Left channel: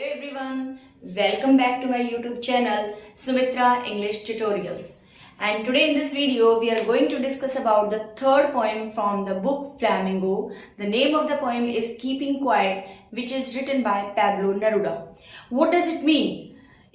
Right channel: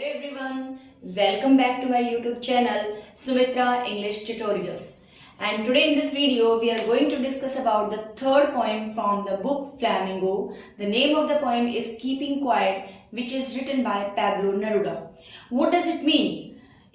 Hello everyone, welcome back to my YouTube channel Sumitra English Tutorials. And today in this video we are going to discuss about the third poem from the book Flamingo. The name of the poem is Keeping Quiet, which is written by Pablo Neruda. What does it mean?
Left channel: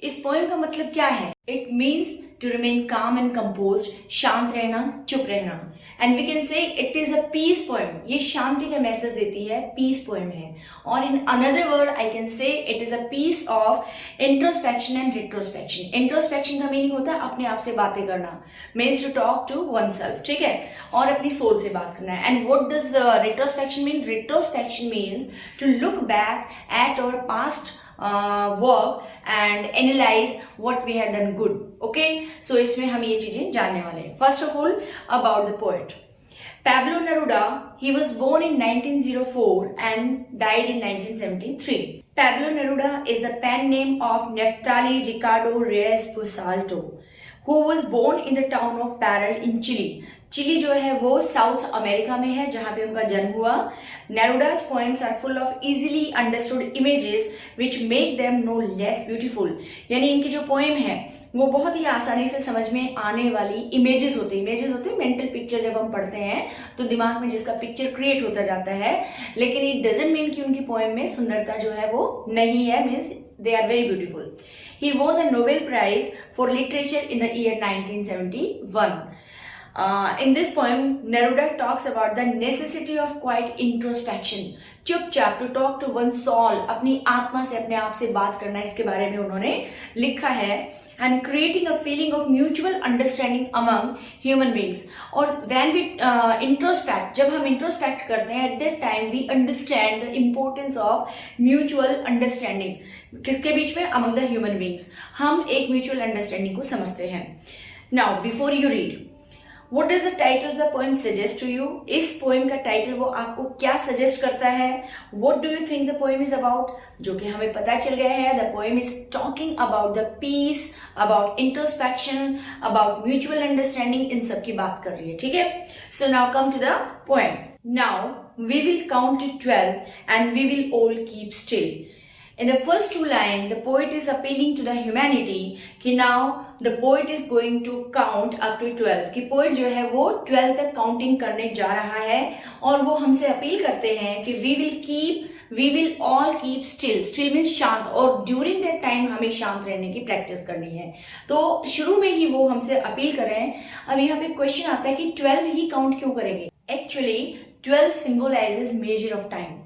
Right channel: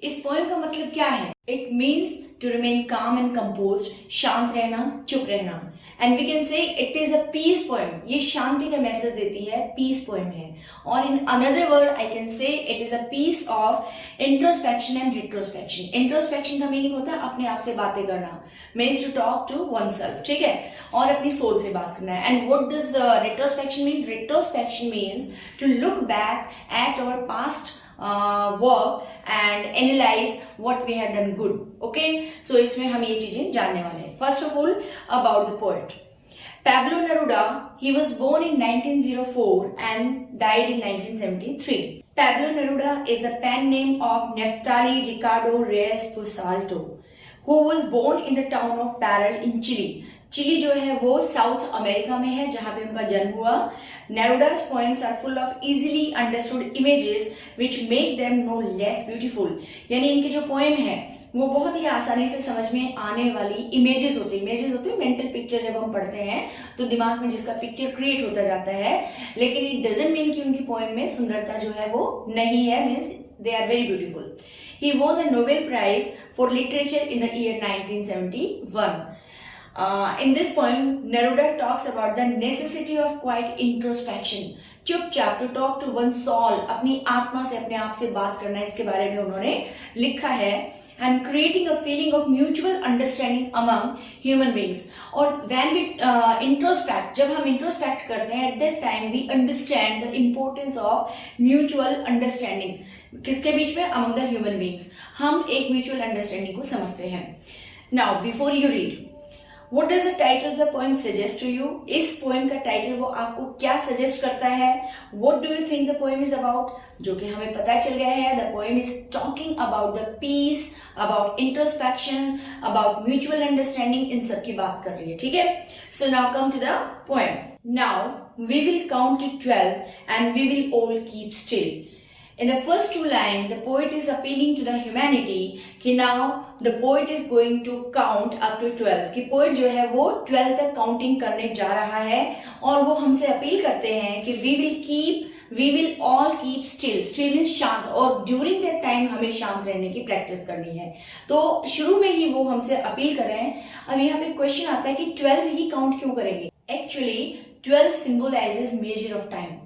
इस poem का मतलब क्या है? It means to remain calm and composed, शांत रहना, चुप रहना. And we can say it is a peace poem. ये शांति का मैसेज देती है, peace poem है. और in another word I can say it is a piece of introspection and retrospection. Introspection का मीनिंग होता है अपने आप से बातें करना, means to talk to oneself, ठीक है? और अपनी सोच से बात करना है. And what does retrospection mean? Retrospection means to look back at our past work and analyze what we have done good. Okay, so इसमें हम ये चीजें जानने वाले हैं. First of all, about the poet Pablo Neruda. He was born in 1904 and died in 1973. Pablo Neruda is the pen name of Neftali Ricardo Reyes Busalto, who was born in the town of Parral in Chile. Chile जो है वो south America में है जहां पे उनका जन्म हुआ. Neruda's poems are full of easily understood images which make them no less beautiful. यानी इनकी जो पोएम है वो बहुत ही आसानी से समझ में आने वाली इमेजेस होती है मेंटल पिक्चर. जब हम पढ़ते हैं तो दिमाग में जिसका पिक्चर क्रिएट होता जाता है, लेकिन इट डजंट मीन कि उनकी पोएम में सुंदरता जो है वो नहीं है. Means they are very beautiful. He won the Nobel Prize for Literature in the year 1971. In this poem, Neruda talks about the necessity of quiet introspection. चुपचाप to talk to one's soul, अपनी आत्मा से अपने आप से बात करना, इसके बारे में उन्होंने लिखा है. And creating a feeling of mutual understanding among human beings. और when we introspect, जब हम introspect करते हैं, at that time we understand the importance of mutual understanding. किसके बीच में? Among the human beings. हम एक mutual understanding को समझते हैं. Now, before you read, what does the title of the poem suggest to you? इस पोएम का title वो आपको क्या सजेस्ट करता है? What do you think the poem is about? जो कि हमें पता चल गया है, the poem is talking about the peace, about introspection, about mutual understanding. इन सब की बात कर रही है, ठीक है? So now come to the poem. Now we will count to 12 and we will all keep still. In the first two lines, the poet is appealing to the humanity कि now the poet is going to count up to 12. कि poet जो है वो 12 तक counting करने जा रहा है और वो हमसे अपील करते हैं कि we will all keep still. Still means शांत, और during that time हमें शांत रहने की प्रैक्टिस करनी है. तो शुरू में ही वो हमसे अपील कर रहे हैं. अब यहाँ पे क्वेश्चन आता है कि 12 ही काउंट क्यों करेंगे? Actually 12 symbolizes measure of time.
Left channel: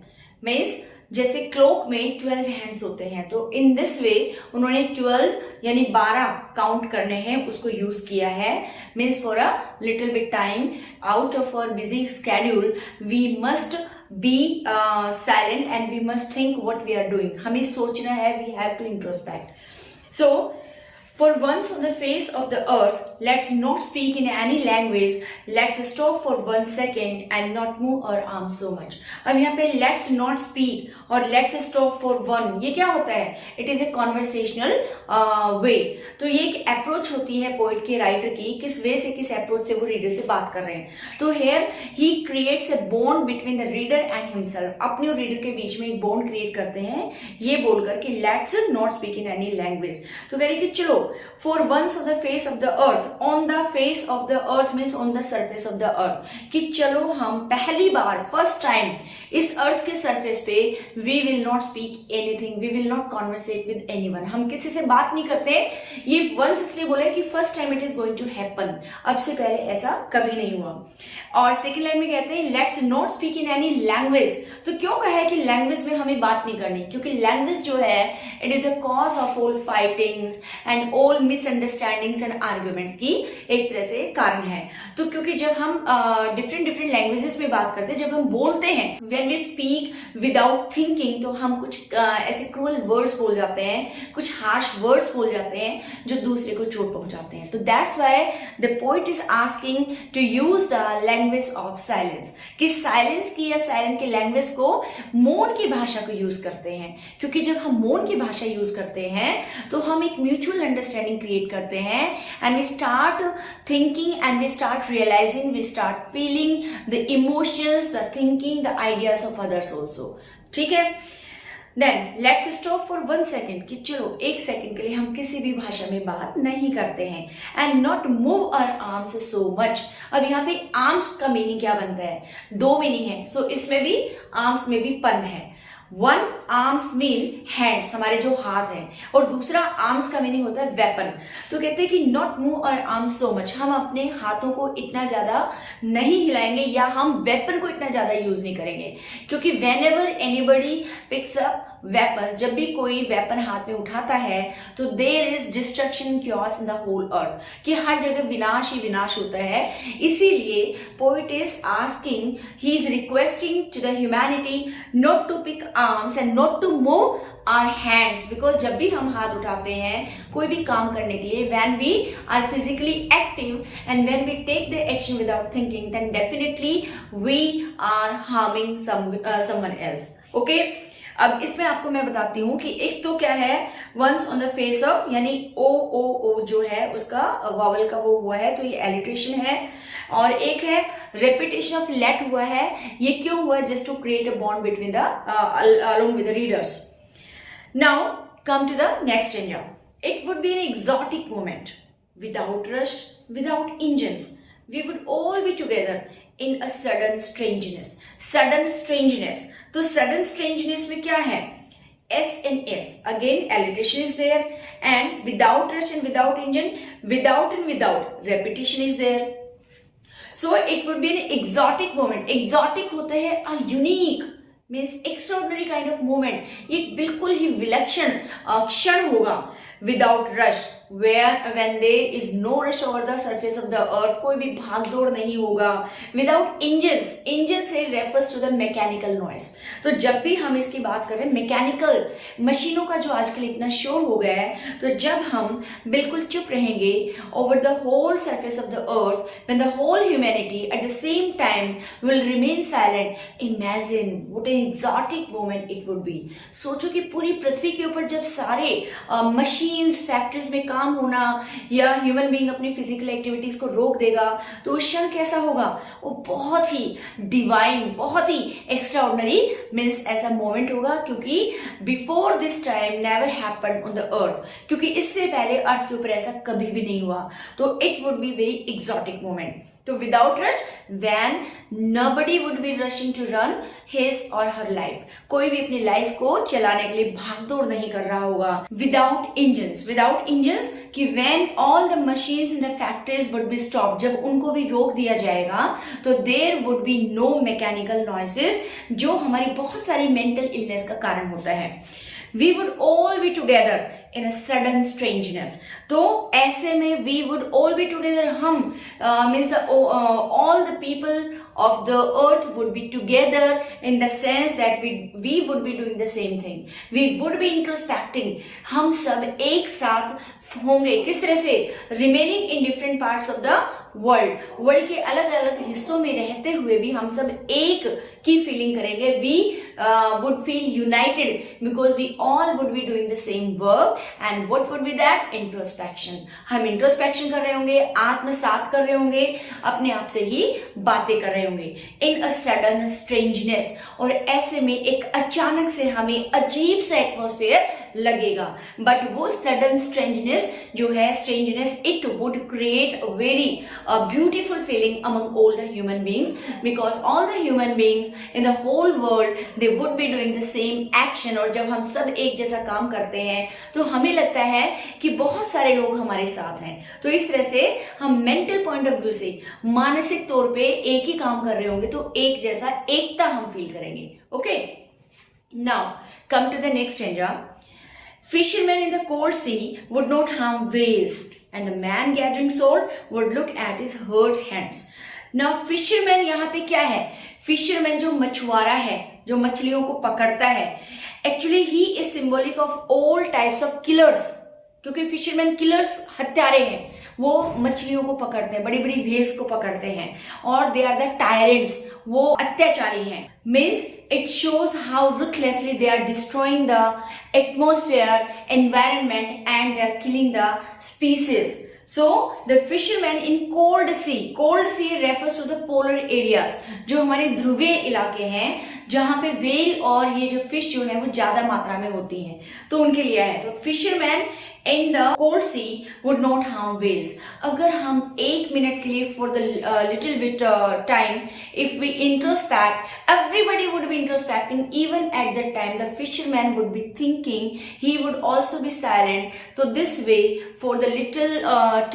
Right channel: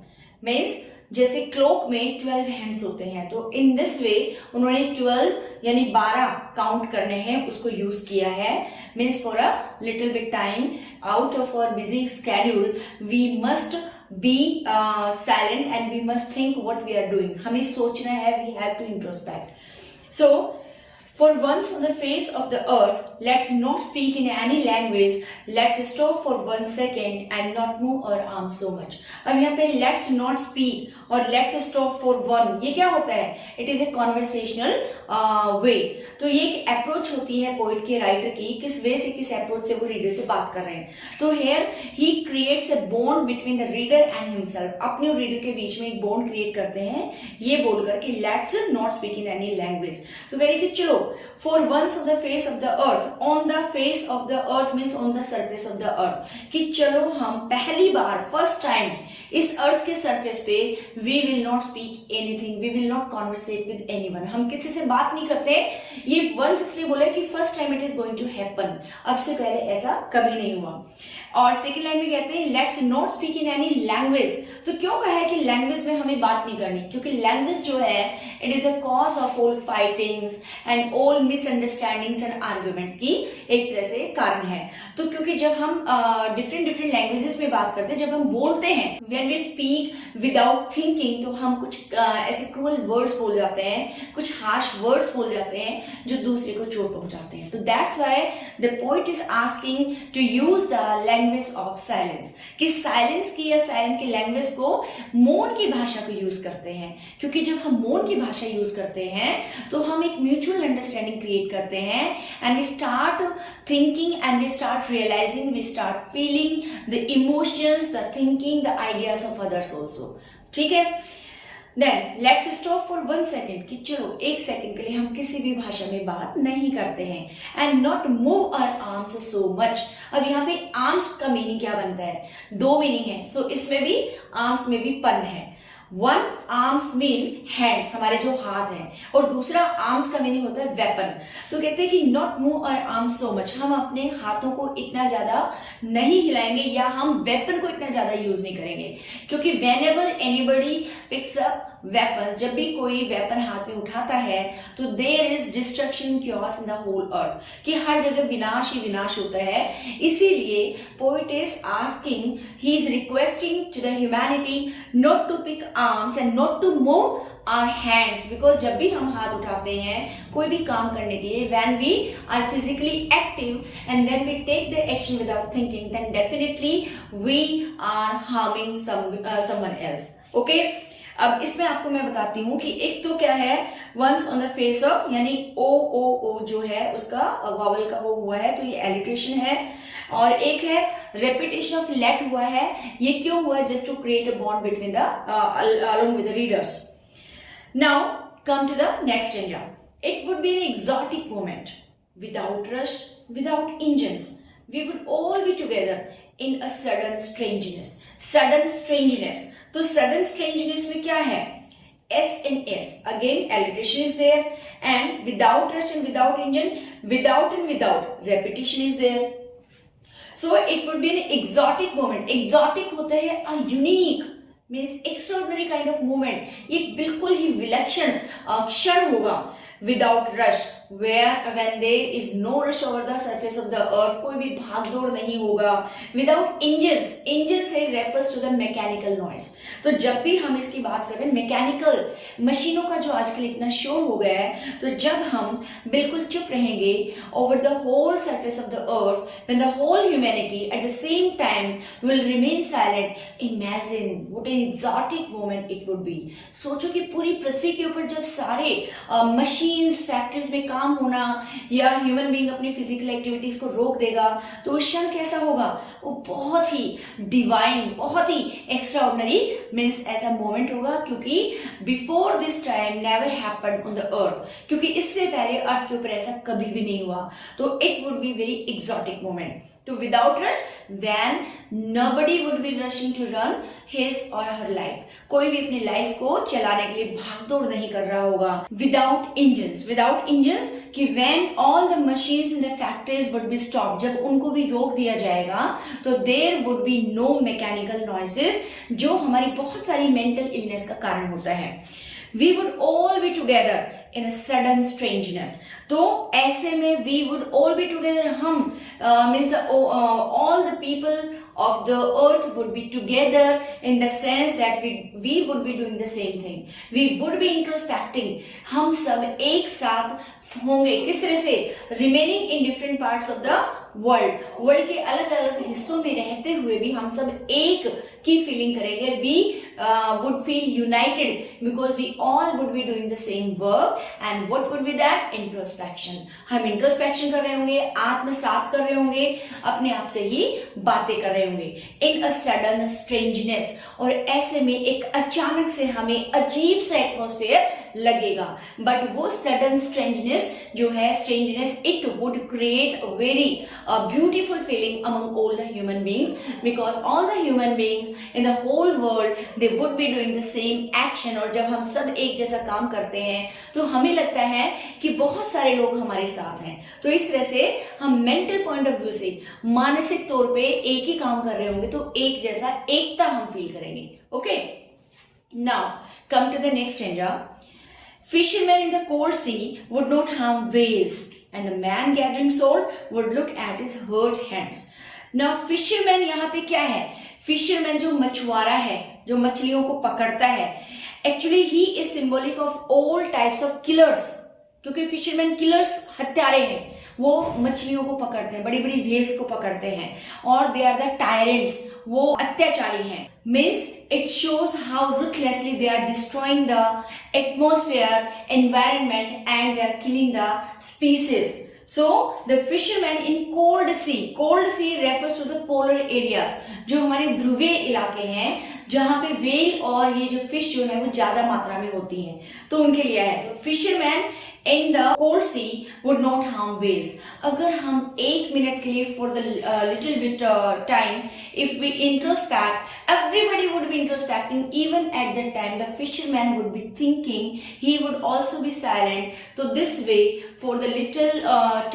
Means जैसे क्लॉक में 12 हैंड्स होते हैं, तो इन दिस वे उन्होंने 12 यानी 12 काउंट करने हैं उसको यूज किया है. Means for a little bit time out of our busy schedule we must be silent and we must think what we are doing. हमें सोचना है, we have to introspect. So for once on the face of the earth, let's not speak in any language. Let's stop for 1 second and not move our arms so much. अब यहाँ पे let's not speak और let's stop for one, ये क्या होता है? It is a conversational way. तो ये एक अप्रोच होती है पोइट के, राइटर की, किस वे से, किस अप्रोच से वो रीडर से बात कर रहे हैं. तो here he creates a bond between the reader and himself. अपने और रीडर के बीच में एक बॉन्ड क्रिएट करते हैं ये बोलकर कि let's not speak in any language. तो कह रही कि चलो for once on the face of the earth, on the face of the earth means on the surface of the earth, कि चलो हम पहली बार फर्स्ट टाइम इस अर्थ के सरफेस पे we will not speak anything, we will not conversate with anyone. हम किसी से बात नहीं करते. ये once इसलिए बोला है कि first time it is going to happen. अब से पहले ऐसा कभी नहीं हुआ. और सेकेंड लाइन में कहते हैं let's not speak in any language. तो क्यों कहा है कि लैंग्वेज में हमें बात नहीं करनी? क्योंकि लैंग्वेज जो है it is the cause of all fightings and all misunderstandings and arguments की एक तरह से कारण है. तो क्योंकि जब हम डिफरेंट लैंग्वेजेस में बात करते हैं, जब हम बोलते हैं, when we speak without thinking, तो हम कुछ ऐसे क्रूअल वर्ड्स बोल जाते हैं, कुछ हार्श वर्ड्स बोल जाते हैं जो दूसरे को चोट पहुंचाते हैं. तो that's why the poet is asking to use the language of silence. कि साइलेंस की या साइलेंट की लैंग्वेज को मौन की भाषा को यूज करते हैं. क्योंकि जब हम मौन की भाषा यूज करते हैं तो हम एक म्यूचुअल अंडरस्टैंडिंग क्रिएट करते हैं and we start thinking and we start realising, we start feeling the emotions, the thinking, the ideas of others also. ठीक है. Then let's stop for 1 second कि चलो 1 सेकेंड के लिए हम किसी भी भाषा में बात नहीं करते हैं and not move our arms so much. अब यहाँ पे आर्म्स का मीनिंग क्या बनता है? 2 मीनिंग है। सो इसमें भी आर्म्स में भी पन है। वन आर्म्स मीन हैंड्स, हमारे जो हाथ हैं, और दूसरा आर्म्स का मीनिंग होता है वेपन। तो कहते हैं कि not move our arms so much, हम अपने हाथों को इतना ज्यादा नहीं हिलाएंगे या हम वेपन को इतना ज्यादा यूज नहीं करेंगे, क्योंकि whenever anybody picks up weapon, जब भी कोई वेपन हाथ में उठाता है तो there is destruction chaos in the whole earth, कि हर जगह विनाश ही विनाश होता है। इसीलिए poet is asking, he is requesting to the humanity not to pick arms and not to move our hands, because जब भी हम हाथ उठाते हैं कोई भी काम करने के लिए, when we are physically active and when we take the action without thinking, then definitely we are harming someone else. Okay, अब इसमें आपको मैं बताती हूँ कि एक तो क्या है, once on the face of, यानी ओ ओ ओ जो है उसका वावल का वो हुआ है तो ये एलिट्रेशन है, और एक है रेपिटेशन ऑफ लेट हुआ है। ये क्यों हुआ है? Just to create a bond between the along with the readers. Now come to the next stanza. It would be an exotic moment, without rush, without engines. We would all be together in a sudden strangeness. Sudden strangeness. तो sudden strangeness में क्या है? S and S. Again, alliteration is there. And without rush and without engine, without and without. Repetition is there. So it would be an exotic moment. Exotic होता है a unique, means extraordinary kind of moment. ये बिल्कुल ही विलक्षण क्षण होगा. Without rush, where when there is no rush over the surface of the earth, कोई भी भागदौड़ नहीं होगा. Without engines, engines से refers to the mechanical noise. तो जब भी हम इसकी बात करें मैकेनिकल मशीनों का जो आजकल इतना शोर हो गया है, तो जब हम बिल्कुल चुप रहेंगे over the whole surface of the earth, when the whole humanity at the same time will remain silent, imagine what an exotic moment it would be. सोचो कि पूरी पृथ्वी के ऊपर जब सारे मशीन्स फैक्ट्रीज में काम होना या ह्यूमन बीइंग अपनी फिजिकल एक्टिविटीज को रोक देगा, तो उस क्षण कैसा होगा? वो बहुत ही डिवाइन, बहुत ही एक्स्ट्राऑर्डिनरी मीन्स ऐसा मोमेंट होगा, क्योंकि before this time never happened on the earth, क्योंकि इससे पहले अर्थ के ऊपर ऐसा कभी भी नहीं हुआ. तो it would be very exotic moment. तो without rush, when nobody would be rushing to run his or her life, कोई भी अपनी लाइफ को चलाने के लिए भागदौड़ नहीं कर रहा होगा. विदाउट इंजन्स कि when all the machines in the factories would be stop, जब उनको भी रोक दिया जाएगा, तो there would be no mechanical noises, जो हमारी बहुत सारी मेंटल इलनेस का कारण होता है. We would all be together in a sudden strangeness. तो ऐसे में we would all be together, हम means all the people of the earth would be together in the sense that we would be doing the same thing. We would be introspecting. हम सब एक साथ होंगे. किस तरह से? remaining in different parts of the world के अलग अलग हिस्सों में रहते हुए भी हम सब एक की फीलिंग करेंगे. We would feel united because we all would be doing the same work. And what would be that? Introspection. हम इंट्रोस्पेक्शन कर रहे होंगे, आत्मसात कर रहे होंगे, अपने आप से ही बातें कर रहे होंगे. इन अ सडन स्ट्रेंजनेस, और ऐसे में एक अचानक से हमें अजीब सा एटमॉस्फेयर लगेगा. बट वो सडन स्ट्रेंजनेस जो है, strangeness, it would create a very beautiful feeling among all the human beings, because all the human beings in the whole world, they would be doing the same action. और जब हम सब एक जैसा काम करते हैं तो हमें लगता है कि बहुत सारे लोग हमारे साथ हैं. तो इस तरह से हम मेंटल पॉइंट ऑफ व्यू से, मानसिक तौर पे एक ही काम कर रहे होंगे तो एक जैसा एकता हम फील करेंगे. Okay, now come to the next stanza. Fishermen in the cold sea would not harm whales, and the man gathering salt would look at his hurt hands. Now fisherman यहाँ पे क्या है? Fisherman जो मछुआरा है, जो मछलियों को पकड़ता है, actually he is symbolic of all types of killers. क्योंकि फिशरमैन किलर्स, हत्यारे हैं, वो मछलियों को पकड़ते हैं, बड़ी बड़ी व्हेल्स को पकड़ते हैं, और दे आर द टायरेंट्स, वो अत्याचारी हैं. Means it shows how ruthlessly they are destroying the atmosphere, environment, and they are killing the species. So the fishermen in cold sea refers to the polar areas, जो हमारे ध्रुवीय इलाके हैं, जहां पे व्हेल और ये जो फिश जो है वो ज्यादा मात्रा में होती हैं, तो उनके लिए है। तो fisherman in the cold sea would not harm whales. अगर हम 1 मिनट के लिए for the little bit time, if we introspect, everybody would be introspecting. Even at that time, the fisherman would be thinking. He would also be silent. So this way, for the little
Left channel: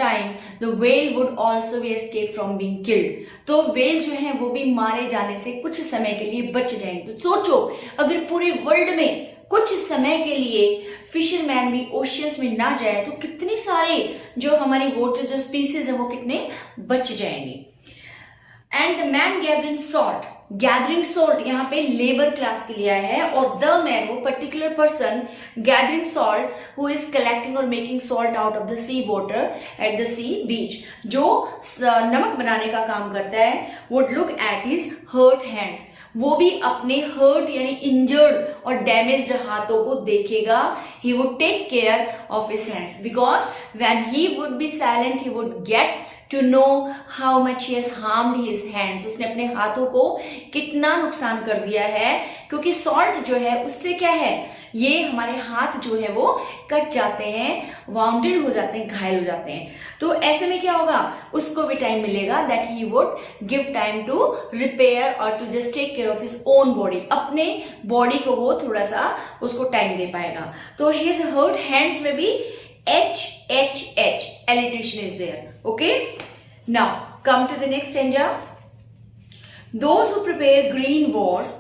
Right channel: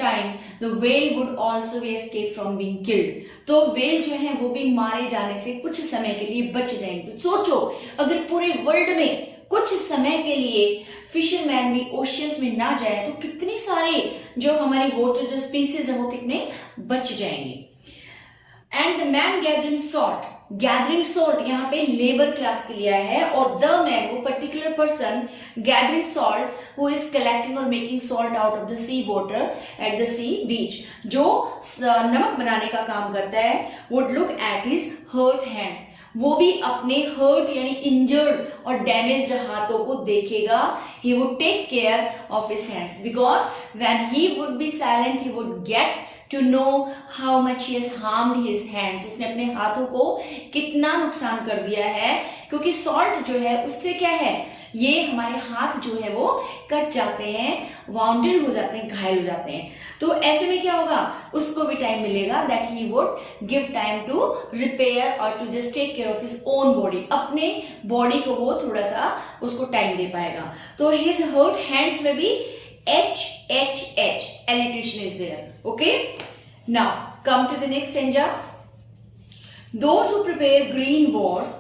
time, the whale would also be escape from being killed. तो whale जो है वो भी मारे जाने से कुछ समय के लिए बच जाएंगे। तो सोचो, अगर पूरे वर्ल्ड में कुछ समय के लिए फिशरमैन भी ओशियंस में ना जाए तो कितनी सारे जो हमारी वाटर जो स्पीसीज है वो कितने बच जाएंगे। And the man gathering salt यहाँ पे लेबर क्लास के लिए आया है, और द मैन वो particular person gathering salt who is collecting और making salt out of the sea water at the sea beach, जो नमक बनाने का काम करता है, would look at his hurt hands, वो भी अपने हर्ट यानी इंजर्ड और डैमेज्ड हाथों को देखेगा। He would take care of his hands because when he would be silent he would get to know how much he has harmed his hands, उसने अपने हाथों को कितना नुकसान कर दिया है, क्योंकि सॉल्ट जो है उससे क्या है, ये हमारे हाथ जो है वो कट जाते हैं, वाउंडेड हो जाते हैं, घायल हो जाते हैं। तो ऐसे में क्या होगा, उसको भी टाइम मिलेगा that he would give time to repair और to just take care of his own body, अपने बॉडी को वो थोड़ा सा उसको टाइम दे पाएगा। तो हिज हर्ट हैंड्स में भी HHH alliteration is there. Okay, now come to the next stanza. Those who prepare green wars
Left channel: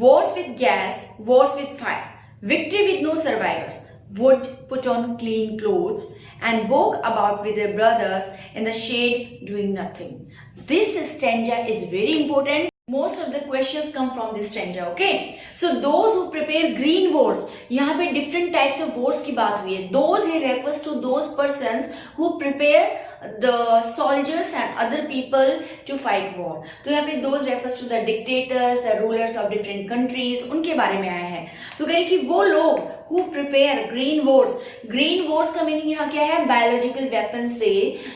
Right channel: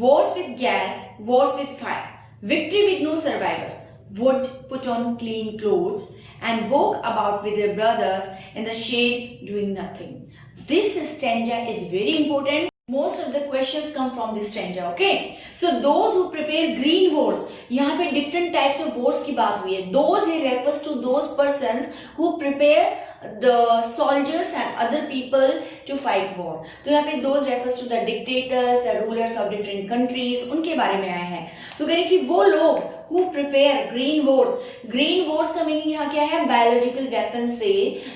with gas, wars with fire, victory with no survivors, would put on clean clothes and walk about with their brothers in the shade doing nothing. This stanza is very important. Most of the questions come from this stanza. Okay, so those who prepare green wars, यहाँ पे different types of wars की बात हुई है। Those he refers to those persons who prepare the soldiers and other people to fight war. तो यहाँ पे those refers to the dictators, the rulers of different countries, उनके बारे में आया है। तो कह रहे कि वो लोग who prepare green wars का मीनिंग यहाँ क्या है, बायोलॉजिकल वेपन से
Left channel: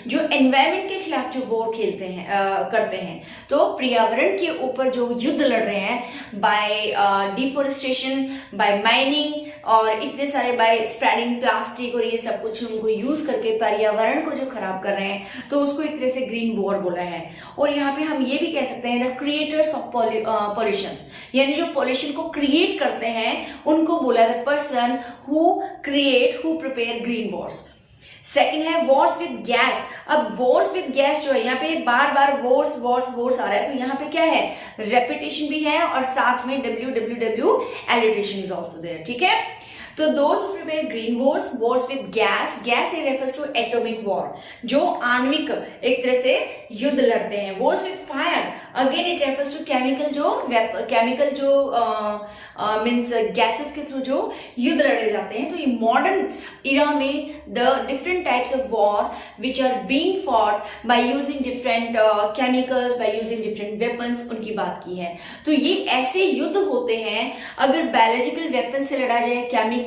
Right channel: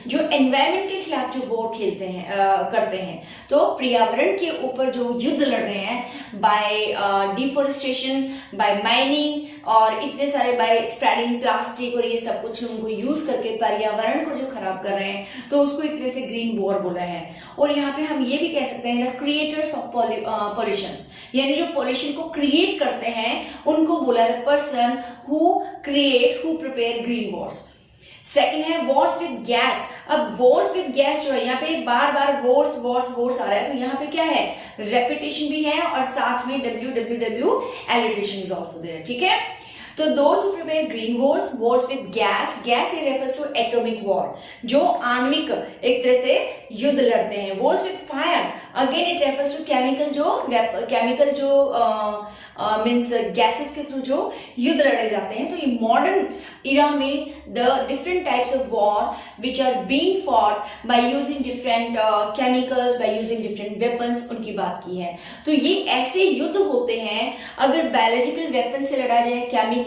जो एनवायरमेंट के खिलाफ जो वॉर खेलते हैं करते हैं, तो पर्यावरण के ऊपर जो युद्ध लड़ रहे हैं बाय डिफोरेस्टेशन, बाय माइनिंग और इतने सारे बाय स्प्रेडिंग प्लास्टिक और ये सब कुछ उनको यूज करके पर्यावरण को जो खराब कर रहे हैं, तो उसको एक तरह से ग्रीन वॉर बोला है। और यहाँ पे हम ये भी कह सकते हैं द क्रिएटर्स ऑफ पॉल्यूशंस, यानी जो पॉल्यूशन को क्रिएट करते हैं उनको बोला the person who prepare green Wars. Second है वॉर्स विद गैस। अब वॉर्स विद गैस जो है यहाँ पे बार बार वॉर्स आ रहा है, तो यहाँ पे क्या है, रेपिटेशन भी है और साथ में WWW alliteration is also there। ठीक है, तो those who prepare green wars with gas it refers to atomic war, जो आणविक एक तरह से युद्ध लड़ते हैं। wars with fire again it refers to chemical जो मीन्स गैसेस के थ्रू जो युद्ध लड़े जाते हैं। तो ये मॉडर्न इरा में the different types of war which are being fought by using different chemicals, by using different weapons, उनकी बात की है। तो ये ऐसे युद्ध होते हैं, अगर बायोलॉजिकल वेपन से लड़ा जाए, केमिकल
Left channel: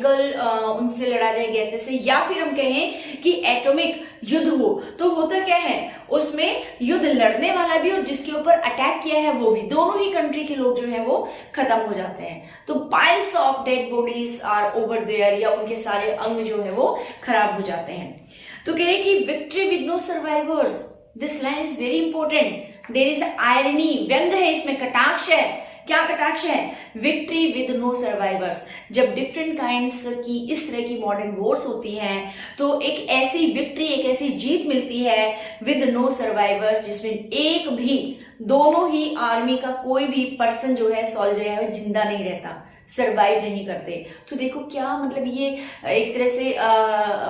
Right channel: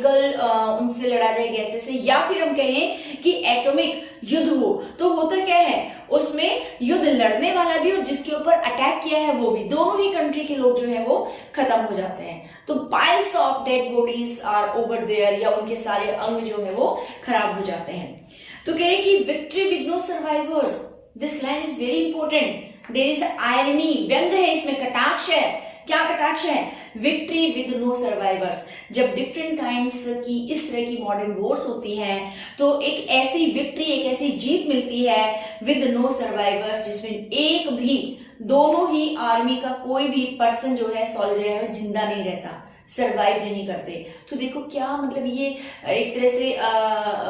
उनसे लड़ा जाए गैसेस से, या फिर हम कहें कि एटॉमिक युद्ध हो, तो होता क्या है, उसमें युद्ध लड़ने वाला भी और जिसके ऊपर अटैक किया है वो भी, दोनों ही कंट्री के लोग जो है वो खत्म हो जाते हैं। तो piles of dead bodies are over there, या उनके सारे अंग जो है वो खराब हो जाते हैं। तो कह रहे कि victory with no survivors, this line is very important. There is irony, व्यंग है इसमें, कटाक्ष है। क्या कटाक्ष है, विक्ट्री विद नो सर्वाइवर्स। जब डिफरेंट काइंड्स की इस तरह की मॉडर्न वॉर्स होती हैं तो एक ऐसी विक्ट्री, एक ऐसी जीत मिलती है विद नो सर्वाइवर्स, जिसमें एक भी, दोनों ही आर्मी का कोई भी पर्सन जो है, सोल्जर है, वो जिंदा नहीं रहता, सर्वाइव नहीं करते। तो देखो क्या मतलब ये एक तरह से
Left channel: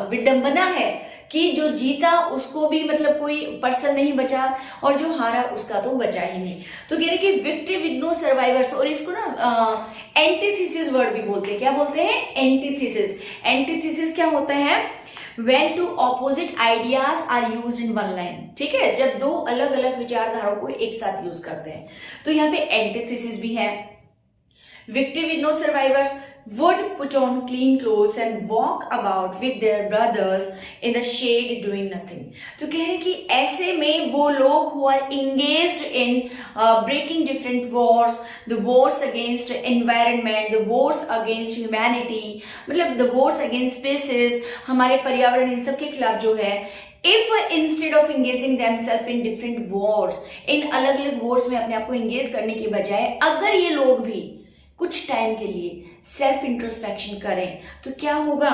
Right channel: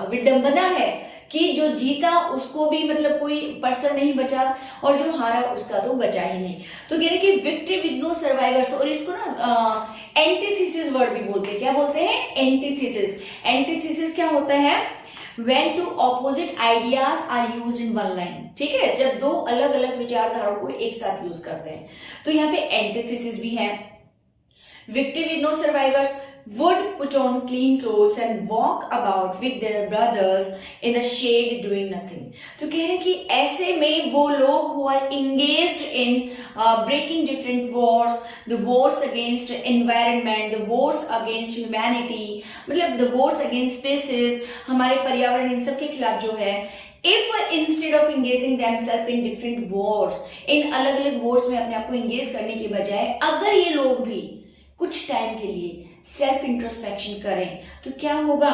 विडंबना है कि जो जीता उसको भी मतलब कोई पर्सन नहीं बचा और जो हारा उसका तो बचा ही नहीं। तो कह रहे कि विक्ट्री विद नो सर्वाइवर्स, और इसको ना एंटीथीसिस वर्ड भी बोलते हैं। क्या बोलते हैं, एंटीथीसिस। एंटीथीसिस क्या होता है, when two opposite ideas are used in one line। ठीक है, जब दो अलग अलग विचारधाराओं को एक साथ यूज करते हैं। तो यहाँ पे एंटीथीसिस भी है। Victory with no survivors, would put on clean clothes and walk about with their brothers in the shade doing nothing. तो कह रहे हैं कि ऐसे में वो लोग who are engaged in breaking different wars, the wars against environment, the wars against humanity, मतलब the wars against species, हमारे पर्यावरण, इन सब के खिलाफ जो है, if instead of engaging themselves in different wars, इन अलग अलग wars में अपने आप को engage करने की बजाय अगर ये लोग भी कुछ टाइम के लिए सेल्फ इंट्रोस्पेक्शन करें तो क्या होगा?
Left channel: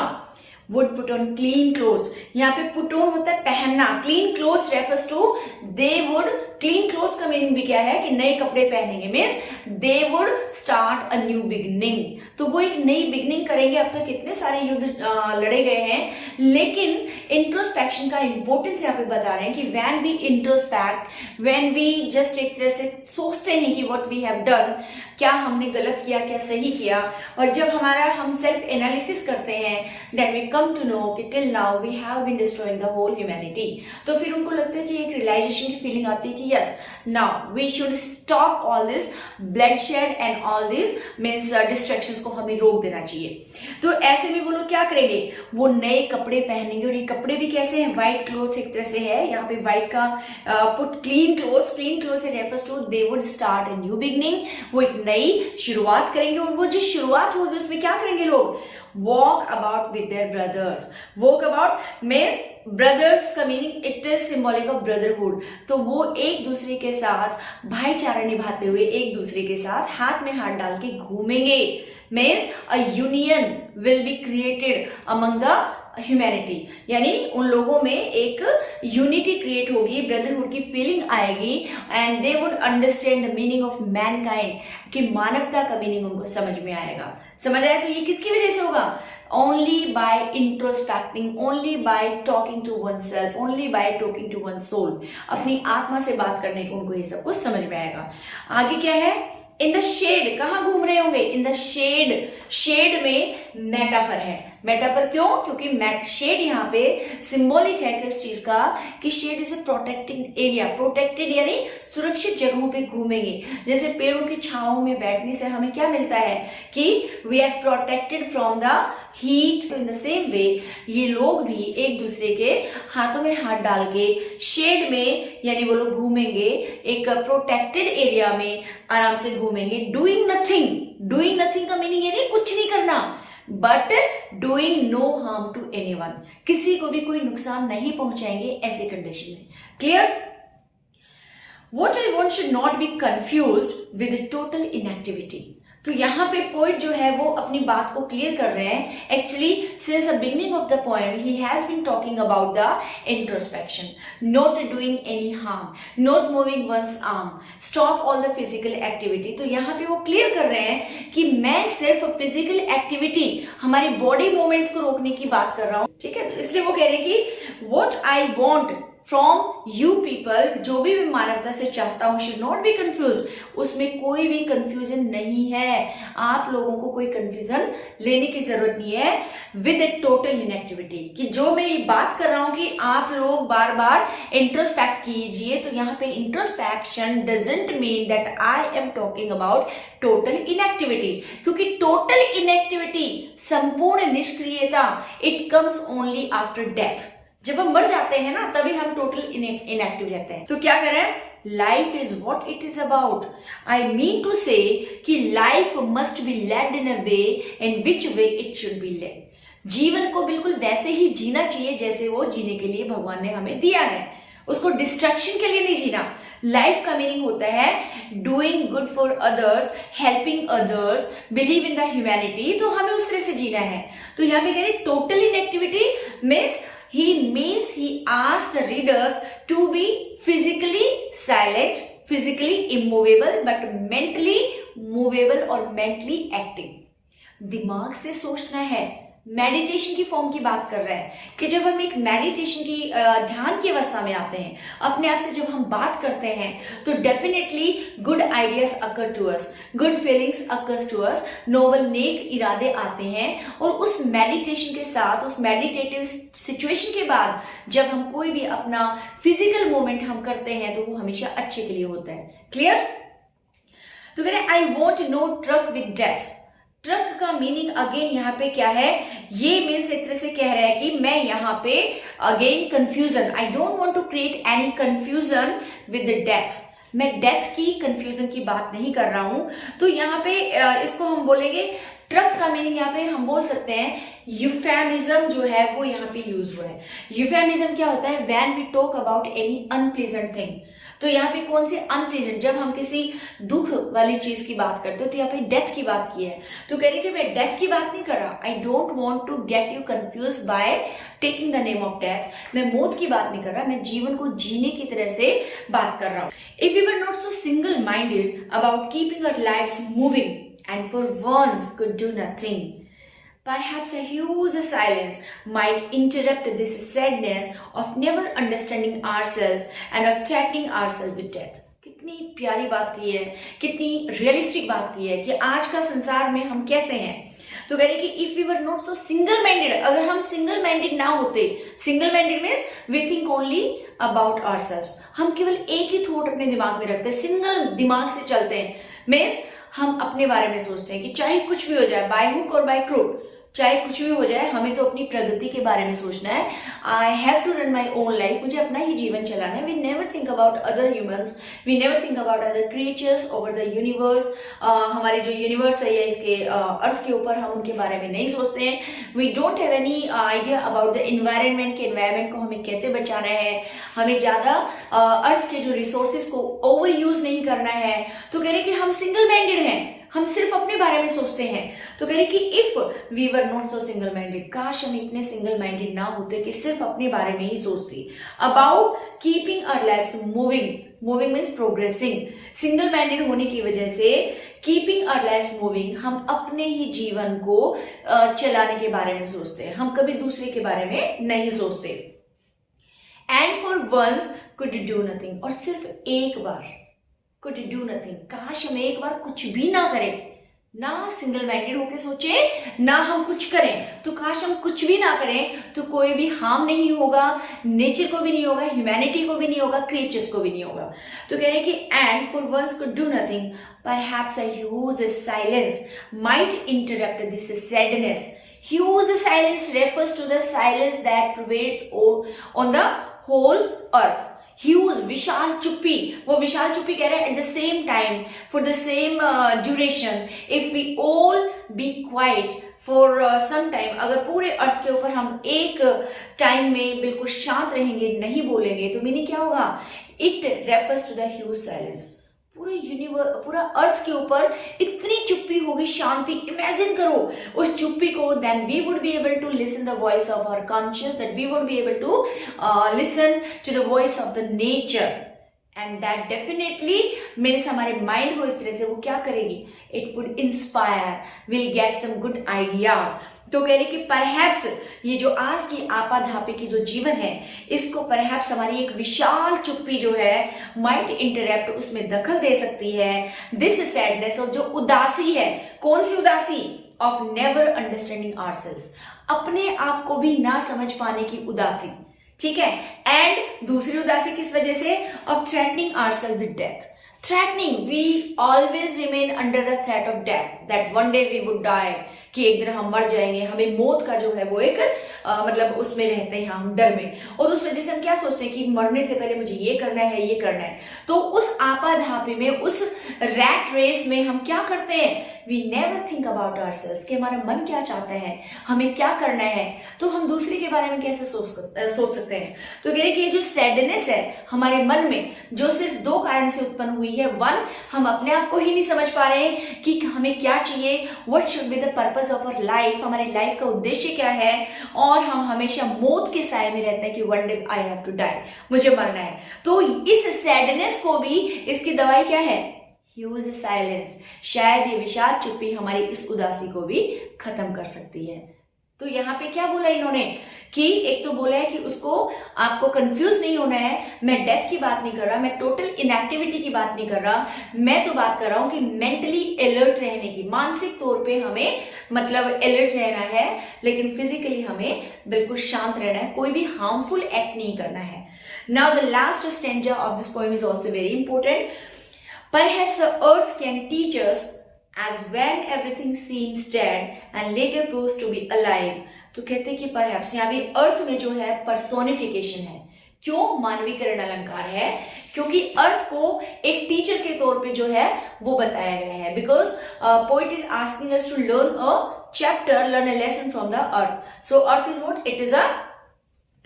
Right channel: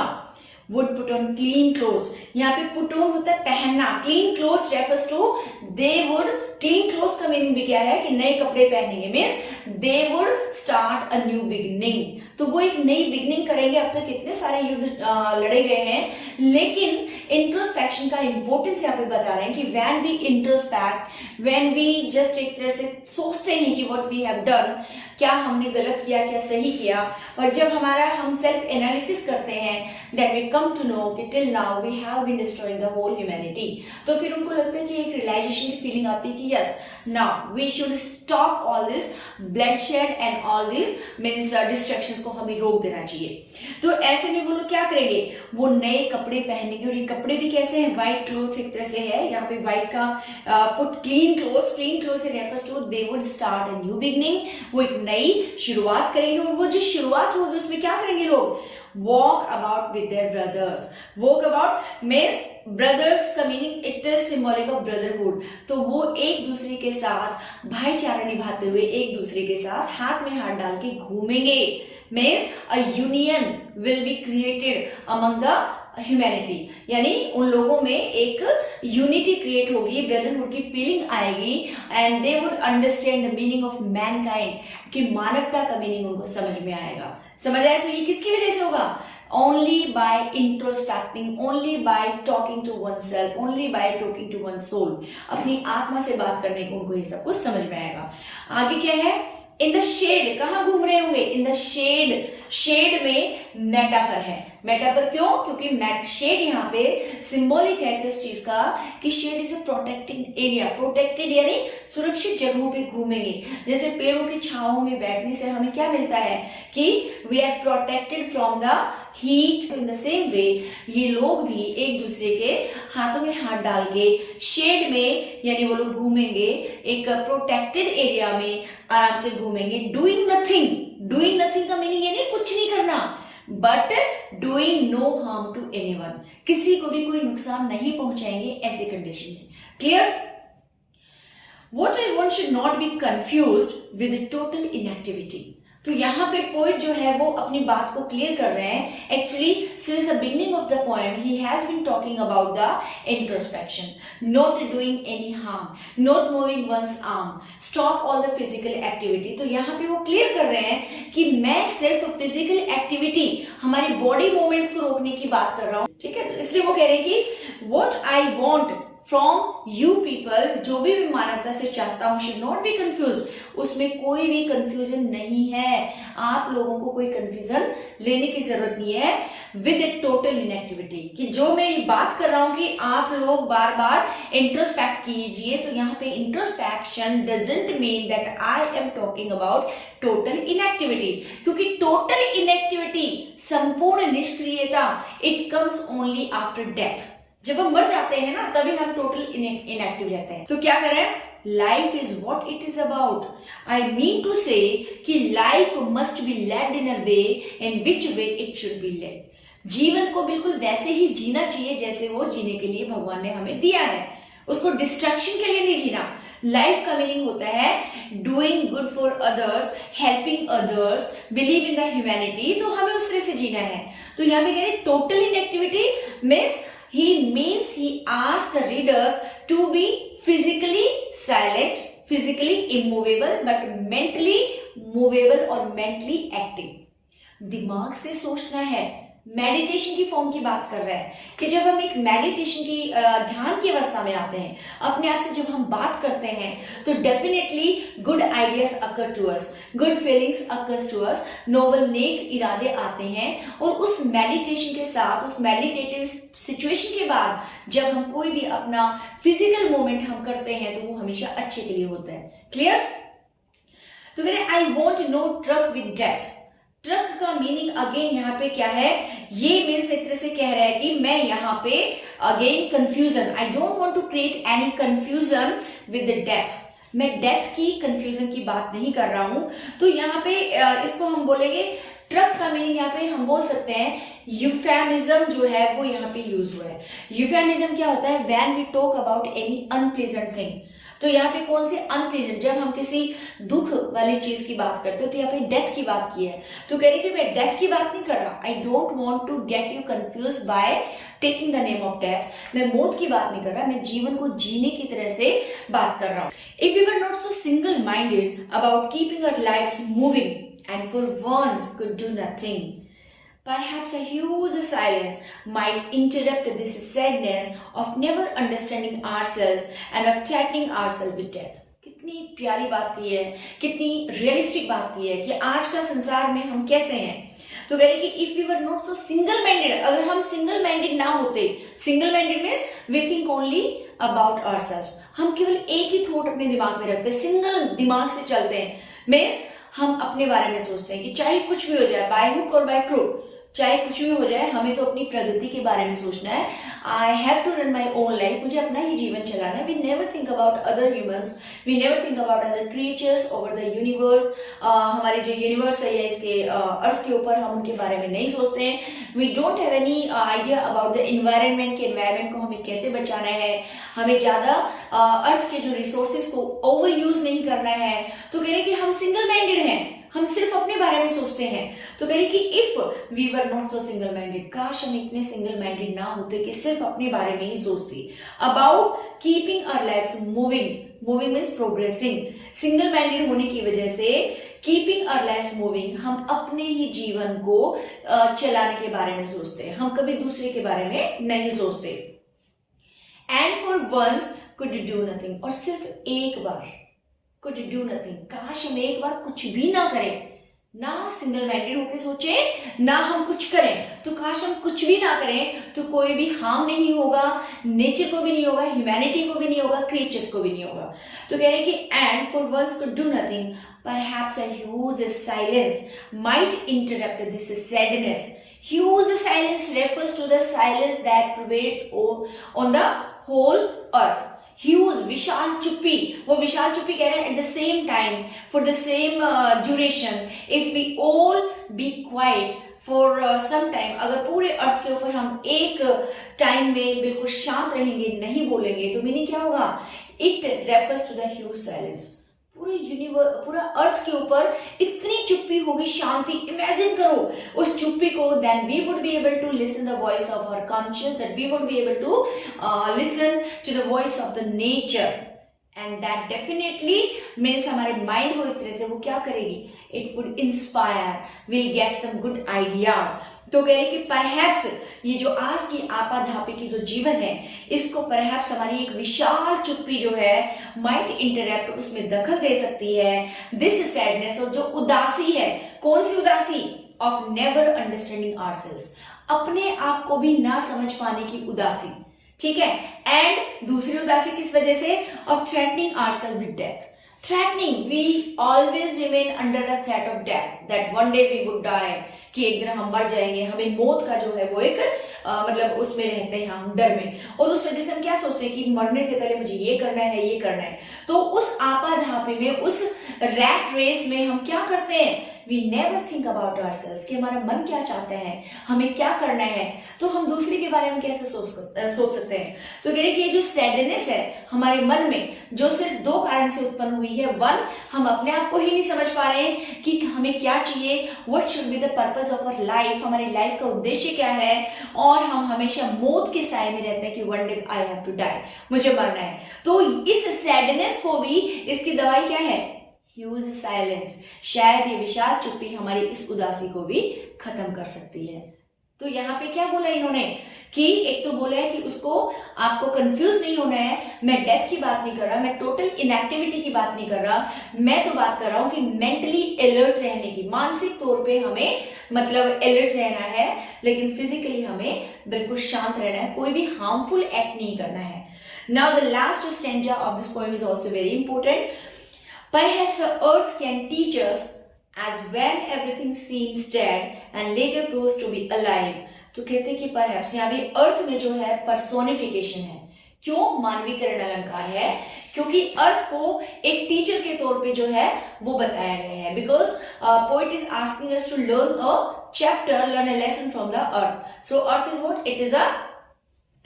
Would put on clean clothes, यहाँ पे पुट ऑन होता है पहनना, clean clothes refers to they would, clean clothes का मीनिंग भी क्या है कि नए कपड़े पहनेंगे, means they would start a new beginning, तो वो एक नई बिगनिंग करेंगे। अब तक कितने सारे युद्ध लड़े गए हैं, लेकिन इंट्रोस्पेक्शन का इंपॉर्टेंस यहाँ पे बता रहे हैं कि when we introspect, when we just एक तरह से सोचते हैं कि व्हाट वी हैव डन, क्या हमने गलत किया, क्या सही किया, और जब हमारा हम सेल्फ एनालिसिस करते हैं, then we come to know कि till now we have been destroying the whole humanity, तो फिर उनको लगता है कि एक रियलाइजेशन की फीलिंग आती है कि yes, now we should stop all this bloodshed and all this means distractions को हमें रोक देना चाहिए। तो ऐसे में वो लोग क्या करेंगे? वो नए कपड़े पहनेंगे, और ये कपड़े भी कैसे हैं? व्हाइट क्लोथ एक तरह से है, यहाँ पे व्हाइट का put clean clothes, clean clothes से refers to they would start a new beginning, वो एक नई शुरुआत करेंगे, और वो जो शुरुआत होगी उसमें क्या करेंगे लोग? Walk about with their brothers, walk about means brothers का meaning it is symbolic of brotherhood, तो वो एक दूसरे के साथ भाईचारा निभाते हुए एक दूसरे के साथ हाथ में हाथ डाल के घूमेंगे, means a union will be created among the humanity, यानी उन लोगों में एक यूनिटी क्रिएट होगी, ब्रदरहुड की फीलिंग आएगी, and they would understand the meaning of Mankind, कि मानवता का मीनिंग उनको समझ में आएगा। समझ आया? तो ये किसकी वजह से होगा? only by introspecting, only by talking to oneself, only by talking to one's soul, अपनी आत्मा से बात करने को उनको ये सब कुछ समझ में आएगा। आगे क्या है? इन द शेड, कहाँ घूम रहे होंगे? इन द शेड, शेड में मेटाफर है। मेटाफर क्यों? क्योंकि शेड यहाँ पे सिंबॉलिक है किस चीज का, कि shed is a protected area, protected यानी सुरक्षित जगहों पे घूमेंगे। जैसे पेड़ों की छांव में बैठने से हमें क्या मिलता है कि we are protected from the heat, in the same way ये लोग भी एक दूसरे के हाथों में हाथ डाल के शेड में, यानी वो लोग घूमेंगे एक प्रोटेक्टेड एरिया में, आराम से घूमेंगे। डूइंग नथिंग, डूइंग नथिंग का मीनिंग यानी कुछ नहीं करना, but doing no harm to anyone, किसी को भी कोई नुकसान नहीं पहुंचाएंगे ऐसे कंडीशन में। Clear? What I want should not be confused with total inactivity. तो यहाँ पे पोइट जो है वो अपनी बात को क्लियर कर रहे हैं। Actually since the beginning of the poem he has been talking about the introspection, not doing any harm, not moving once arm, stop all the physical activity. तो यहाँ पे वो क्लियर कर रहे हैं कि मैं सिर्फ फिजिकल एक्टिविटी, हमारी बॉडी मूवमेंट्स को रोकने की बात कर रहा हूँ, ठीक है? तो इसलिए वो कह रहे हैं कि what I want from you people, जो भी मैं मानवता से चाहता हूं, शुड नॉट बी कंफ्यूज, उसमें कोई भी कंफ्यूजन नहीं है, आप लोगों को कोई कंफ्यूजन लेने की जरूरत नहीं है विद ए टोटल इनएक्टिविटी, कि जो मैं ये बात कर रहा हूं कि आप लोग बार बार इंट्रोस्पेक्ट कीजिए। तो यहाँ पे introspection doesn't mean that I am talking about total inactivity, क्योंकि टोटल इनएक्टिविटी, संपूर्ण निष्क्रियता, it comes only after death. जब हम मर जाते हैं ना, तभी हम टोटल इनएक्टिव रहते हैं। तो क्या करें? Life is what it is about. I mean to say कि life must be led in a way in which way it should be led. जीवन को बिल्कुल वैसे ही जीना चाहिए जैसे वो जीने के लिए भगवान ने हमें दिया है, उसको डिस्ट्रैक्शन के लिए नहीं जीना। लाइफ का मीनिंग होता है doing good for others, helping others, believe in the humanity, तो हमें उस तरह से जीना है। तो यहाँ पे कह रहे total inactivity means he asks the readers to be physically silent, physically immovable, but mentally movable और mentally active। दिमाग से सोचना है, मेडिटेशन की फॉर्म की बात कर रहा है कि जब हम एक मेडिटेशन की ध्यान की अवस्था में आते हैं, अपने आप से जब हम बात करते हैं, तो definitely good ideas occur to us, good feelings occurs to us, noble नेक इरादे आते हैं। और उस मेडिटेशन के साथ, उस मेडिटेटिव सिचुएशन के बाद जब हम कोई भी अपना फिजिकल मूवमेंट हम करते हैं, तो वो हमेशा अच्छे के लिए होता है। क्लियर? तो कह रहे I want no truck with death. Truck का मीनिंग अगेन यहाँ पे क्या है, ये मीन्स एक तरह से कह रहा है कि मैं यहाँ पे again confusion, I don't want to create any confusion with the death, मैं डेथ की कंफ्यूजन की बात नहीं कर रहा हूं। तो यहाँ पे इसको हम बोलेंगे, ट्रक का मीनिंग यहाँ पे हम बोल सकते हैं यूफेमिज्म जो है वो यहाँ पे यूज हुआ है। यूफेमिज्म क्या होता है, when we talk about any unpleasant thing. तो यहाँ पे कौन से अनप्लेजेंट, जब हम किसी दुख वाली चीज की बात करते हो, तो यहाँ पे डेथ की बात की है। तो कह रही कि मैं डेथ की बात नहीं कर रहा, I don't want to get you confuse by taking the name of death, मैं मौत की बात नहीं कर रहा, मैं जीवन को जीने की तरह से बात कर रहा हूँ। If you were not so single minded about keeping our lives moving and for once could do nothing, perhaps a huge silence might interrupt this sadness of never understanding ourselves and of threatening ourselves with death. कितनी प्यारी बात की है, कितनी realistic बात की है कि आज का संसार में हम कैसे हैं। तो कह रहे कि if we were not so single minded, अगर हम सिंगल माइंडेड ना होते, single minded means we think only about ourselves, हम केवल एक ही थॉट अपने दिमाग में रखते हैं, सिंगल दिमाग से चलते हैं, मीन्स हम अपने बारे में सोचते हैं कि चाहे कुछ भी हो जाए, बाय हुक और बाय क्रूक, चाहे कुछ भी हो जाए, हमें तो अपनी प्रगति के बारे में सोचना है। I have to run my own life, मुझे अपना ही जीवन चलाना है। We never think about other humans, we never think about other creatures over the universe. हमारे जो यूनिवर्स है या इसके अर्थ के ऊपर, हम उनके बारे में नहीं सोचते हैं। We don't have any idea about the environment, के इन्वायरमेंट को हमें कैसे बचाना है, हमें ज्यादा अर्थ के जो रिसोर्सेज को ओवर यूज नहीं करना है। तो कह रहे कि हम सिंगल माइंडेड हैं, हम सिर्फ अपने बारे में सोचते हैं। तो कह रहे कि if we were not so single minded, काश हम इतने सिंगल माइंडेड ना होते कि सिर्फ अपने बारे में ही सोचते। About keeping our lives moving, moving means progressing, single minded होने की वजह से कीपिंग आवर लाइव्स मूविंग, हम अपने ही जीवन को चलाने के बारे में सोचते हैं, हम कभी दूसरे के बारे में नहीं सोचते। And for once could do nothing, और सिर्फ एक बार could do nothing, काश हम एक बार कुछ भी ना करें, ना सिंगल माइंडेड होके सोचे, ना हम कुछ करें। तो काश हम कुछ भी ना करें तो कोई भी हार्म नहीं होगा, नेचर को भी नहीं होगा, ह्यूमैनिटी को भी नहीं होगा, क्रिएचर्स को भी नहीं होगा। तो कह रहे कि and for once could do nothing, perhaps a huge silence might interrupt this sadness. Huge silence refers to the silence that prevails on the whole earth. Huge, विशाल चुप्पी, वो विशाल चुप्पी कह रहे हैं at the same time, for the same duration, if we all be quiet for some time, अगर पूरे अर्थ के ऊपर हम एक टाइम में बिल्कुल शांत रहेंगे, नहीं बोलेंगे, तो मीनिंग क्या होगा, it refers to the huge silence. पूरे यूनिवर्स, पूरा अर्थ के ऊपर इतनी चुप्पी होगी, शांति, इमेजिन करो उस चुप्पी को। Then we would be able to listen the voice of our conscious, that we would be able to listen to the voice of the nature, and that definitely means हमारे माइंड को एक तरह से वो क्या करेगी, it would inspire, will get some good ideas. तो कह रहे कि परहैप्स ये जो आज की आपाधापी की जो जीवन है, इसको परहैप्स हमारी एक विशाल चुप्पी जो है माइट इंटरप्ट, उसमें दखल दे सकती है। दिस सैडनेस, और जो उदासी है, कौन सी उदासी, ऑफ नेवर अंडरस्टैंडिंग आवरसेल्व्स, अपने आप को भी ना समझ पाने की उदासी, ठीक है। एंड दूसरी उदासी किस वजह से, of threatening ourselves with death. Threatening, we always remain under the threat of death, that one day we would die, कि एक दिन हम मर जाएंगे, हमें मौत का जो है वो एक मतलब उसमें रहते हैं हम, डर में, और उस वजह से हम क्या सोचते हैं कि मरने से पहले मुझे ये करना है, ये करना है। तो उस आपाधापी में, उस रैट रेस में हम क्या करते हैं, we never think about ourselves, कि हमारा मन क्या चाहता है, हमें क्या करना है, तो हम दूसरे के बारे में कैसे सोच सकते हैं। तो कह रहे कि ये जो सैडनेस है हमारे मन में, जो सिर्फ दो कारण से उत्पन्न हुई है। वन, हम अपने आप को ही नहीं समझ पा रहे हैं कि हमें क्या चाहिए, what should be the purpose of our life, हमारी लाइफ का उद्देश्य क्या है, और हम हमेशा मौत के साए में रहते हैं कि one day I have to die, मुझे मरना है। तो इस सैडनेस को भी, इसकी दवाई क्या है, ह्यूज साइलेंस। शायद ये विशाल चुप्पी हमारी इस उदासी को भी खत्म कर सकती है। तो यहाँ पे क्या बोला इन्होंने, कि एक तो बोला है कि उसको, आपको कंफ्यूज नहीं होना है, मैं डेथ की बात नहीं कर रहा, मैं टोटल इनएक्टिविटी की बात नहीं कर रहा, मैं तो बात कर रहा हूं कि मेंटली अलर्ट रहने की, मानसिक तौर पे हमें मतलब अलर्ट रहना है, लेकिन फिजिकली हमें बिल्कुल शांत रहना है, कोई भी हार्मफुल एक्ट नहीं करना है। Now the last stanza of this poem is also very important. Perhaps the earth can teach us as when everything seems dead and later proves to be alive. तो कहते हैं कि perhaps यहाँ भी अर्थ में जो है personification है. क्यों मानवीकरण अलंकार है? क्योंकि अर्थ को एक टीचर के तौर पे जो है वो बताया गया है. Because poet is asking us to learn a chapter, learn a lesson from the earth. So earth is what? It is a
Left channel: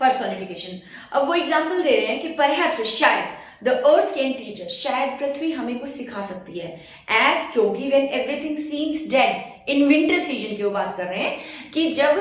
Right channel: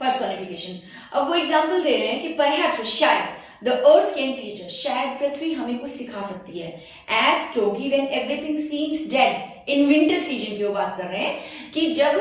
personification. अब वो एग्जाम्पल दे रहे हैं कि परहैप्स, शायद the earth can teach us, शायद पृथ्वी हमें कुछ सिखा सकती है. एज क्योंकि when everything seems dead in winter season की वो बात कर रहे हैं कि जब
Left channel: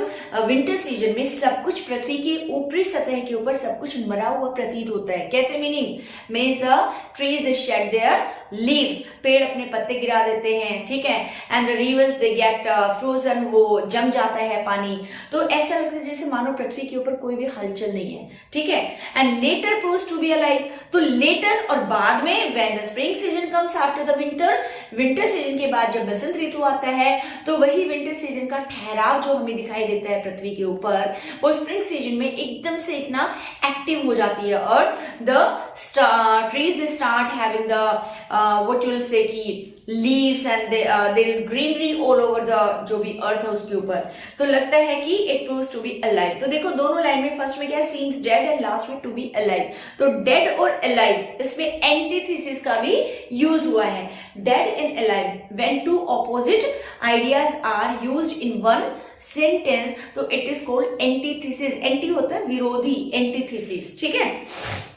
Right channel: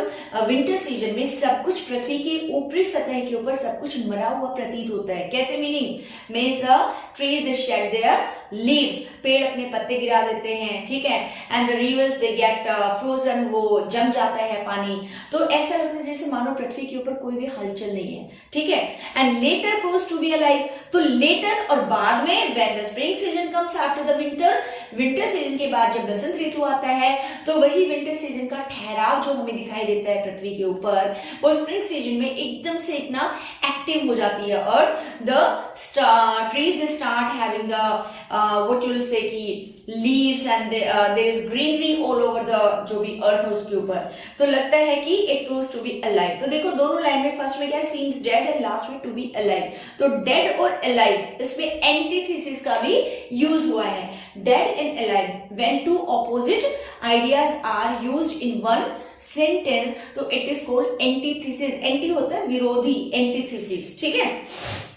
विंटर सीजन में सब कुछ पृथ्वी की ऊपरी सतह के ऊपर सब कुछ मरा हुआ प्रतीत होता है. कैसे? Meaning means the trees they shade there leaves, पेड़ अपने पत्ते गिरा देते हैं, ठीक है. And the reverse they get frozen, वो जम जाता है पानी. तो ऐसा लगता है जैसे मानो पृथ्वी के ऊपर कोई भी हलचल नहीं है, ठीक है. And later proves to be alive. तो लेटर और बाद में when the spring season comes after the winter, winter season के बाद जब बसंत ऋतु आता है तो वही विंटर सीजन का ठहराव जो हमें दिखाई देता है पृथ्वी के ऊपर, वो स्प्रिंग सीजन में एकदम से इतना एक्टिव हो जाती है earth. The trees they start having the what you will say कि leaves and there is greenery all over the जो भी अर्थ है उसके ऊपर. तो लगता है कि it proves to be alive. तो देखो दोनों लाइन में फर्स्ट में क्या है? seems dead and लास्ट में to be alive. तो dead और alive इसमें एंटीथेसिस का भी यूज हुआ है. dead and alive when two opposite ideas are used in one sentence तो it is called antithesis. Anti होता है विरोधी, एंटीथेसिस, ठीक है.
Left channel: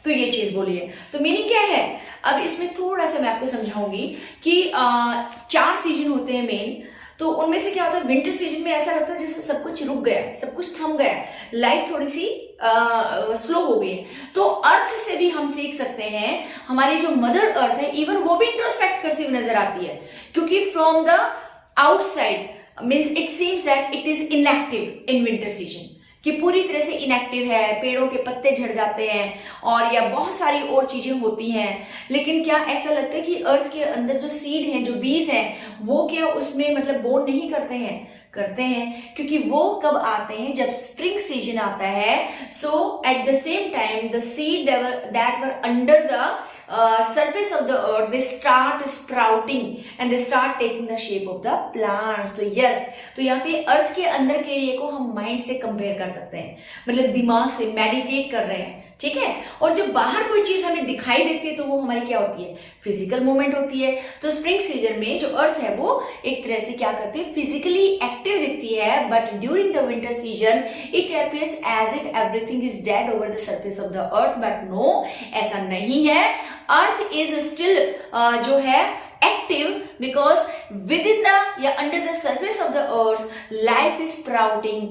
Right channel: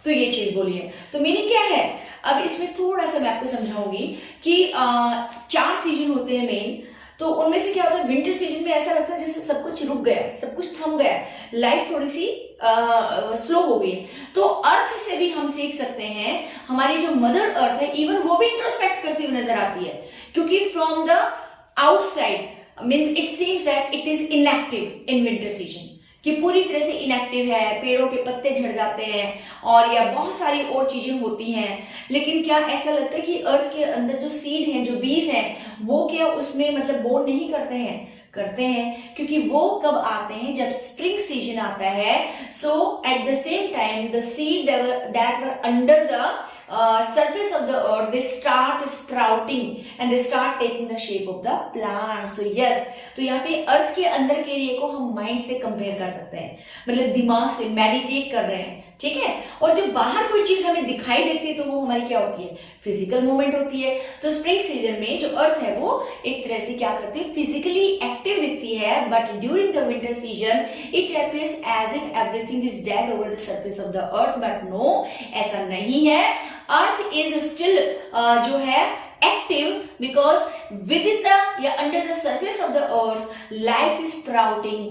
तो ये चीज बोली है. तो मीनिंग क्या है? अब इसमें थोड़ा सा मैं आपको समझाऊंगी कि 4 सीजन होते हैं मेन. तो उनमें से क्या होता है? विंटर सीजन में ऐसा लगता है जैसे सब कुछ रुक गया है, सब कुछ थम गया है, लाइफ थोड़ी सी स्लो हो गई है. तो अर्थ से भी हम सीख सकते हैं. हमारी जो मदर अर्थ है इवन वो भी इंट्रोस्पेक्ट करती हुई नजर आती है, क्योंकि from the outside means it seems that it is inactive in winter season, कि पूरी तरह से इनएक्टिव है, पेड़ों के पत्ते झड़ जाते हैं और या बहुत सारी और चीजें होती हैं. लेकिन क्या ऐसा लगता है कि अर्थ के अंदर जो सीड हैं, जो बीज हैं, वो क्या उसमें मतलब बोन नहीं करते हैं? करते हैं, क्योंकि वो कब आते हैं? जब स्प्रिंग सीजन आता है. So at the same time the seed that were under the surface of the earth, they start sprouting and they start taking the shape of the plants. तो yes, तो यहाँ पे अर्थ के अंदर के एरिया को हम माइंड से कंपेयर कर सकते हैं, मतलब दिमाग से मेडिटेट कर रहे हैं, ठीक है. और जब बाहर कोई चीज हमें दिखाई देती है तो वो हमारी क्या होती है? फिजिकल मूवमेंट होती है. तो स्प्रिंग सीजन में जो अर्थ है वो एक तरह से क्या करती है? फिजिकली एक्टिव दिखती है. But during the winter season it appears as if everything is dead over the surface of the earth. But no, ऐसा नहीं है. अर्थ इज स्टिल जो है active because within the या under the surface of the earth life is sprouting,